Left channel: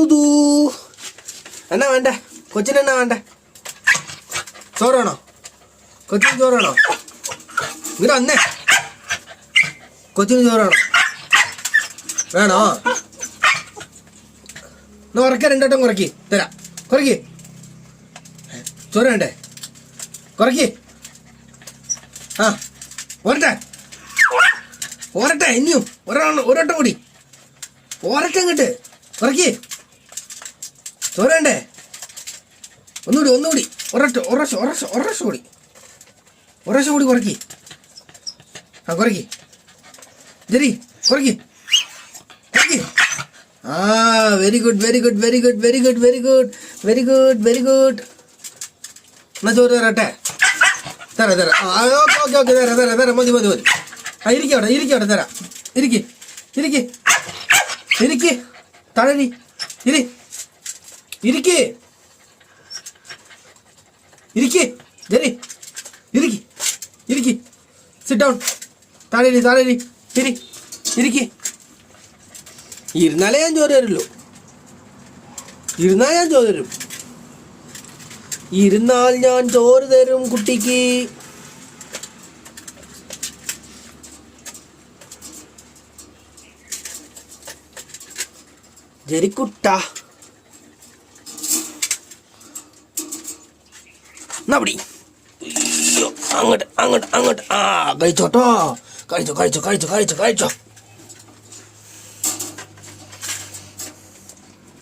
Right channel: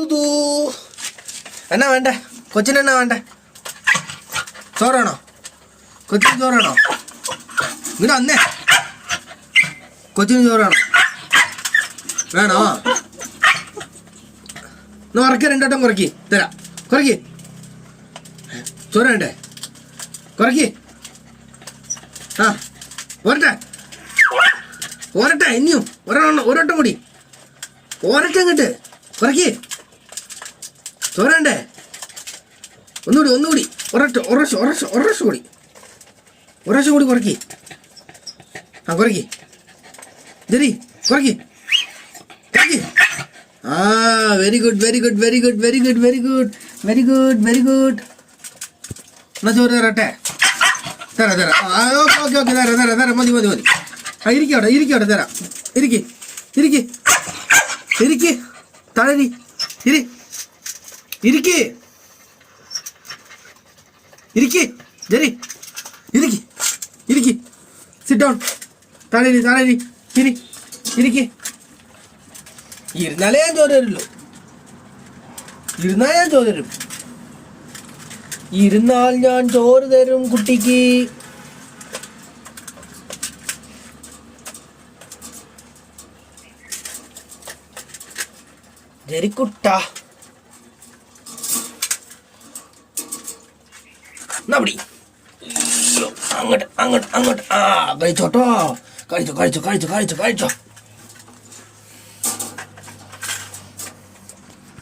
ഋതു എന്നാ വേണ്ടേ? കൊച്ചിനെന്നാ വേണ്ടേ? ചോറാണോ? കൊച്ചിന് ചോറാണോ? ഇവിടെ അന്നേ കൊച്ചിന് ചോറാണോ? വേണോ? എന്നാ ഉറക്കി, രണ്ടോട്ടം കുറക്കി തരാം. കുറക്കി. ചോറ് വേണ്ടേ? കുറക്കി. ആ പോരട്ടെ പോരട്ടെ, ഇനിയും ഒരൊട്ടം കൂടി പോരട്ടെ. ഇങ്ങോട്ട് കുറക്കി. ചോറ് വേണ്ടേ? ഒന്നുകൂടി ഒരശ കൂടി കുറക്കി. ആ കുറക്കി. ശരി കുറക്കി. ആ വെരി ഗുഡ്. എന്നാ ചോറ് തരട്ടെ? തരാം. ഓക്കെ തരാം. മതി. ആ ഇരിക്കവിടെ തരാം. ഇരിക്ക് താഴെ ഇരിക്ക്. Sit down. താഴെ ഇരിക്ക്. ഇരുന്നാലേ ഞാൻ ചോറ് തരുള്ളൂ. ഇരുന്നാൽ ഞാൻ ചോറ് തരും കുട്ടിക്ക്. ജരിക്കുട്ട നടി അങ്ങോട്ട്. ആ കഴിച്ചോട്ടോ. കഴിച്ചോ.